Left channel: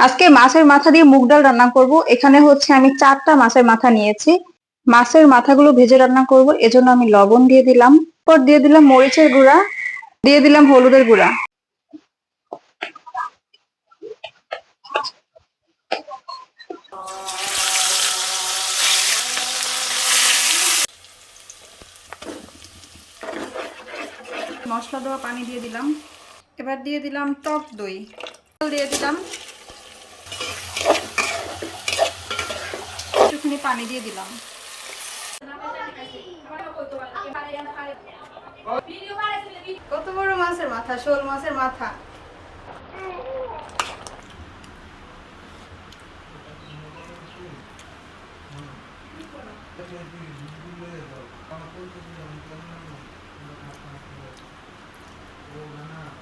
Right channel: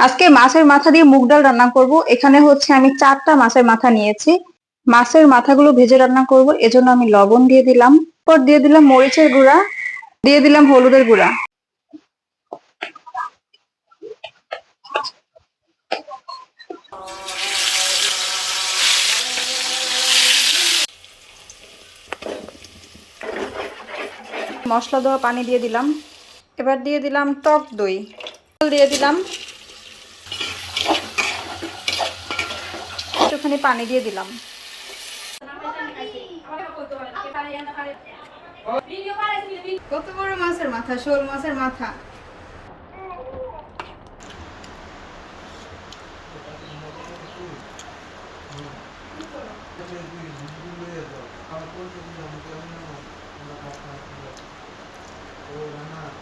আজকে মাছের মাথা দিয়ে মুগ ডাল রান্না করব। এখানে হচ্ছে আমি চারটা মাছের মাথা নিয়েছি। মাছের মাথাগুলো ভেজে রান্না করব। এজন্য আমি লবণ দিয়ে দিলাম। পর দিয়ে দিলাম মরিচের গুঁড়া। দিয়ে দিলাম হলুদের গুঁড়া। মশলা দেওয়া পানি দিয়ে দিলাম। এবার দিয়ে দিলাম টক দই। দিয়ে দিলাম। একটুখানি পানি দিয়ে দিলাম। কত বড় মাছের মাথা শোল মাছের মাথা?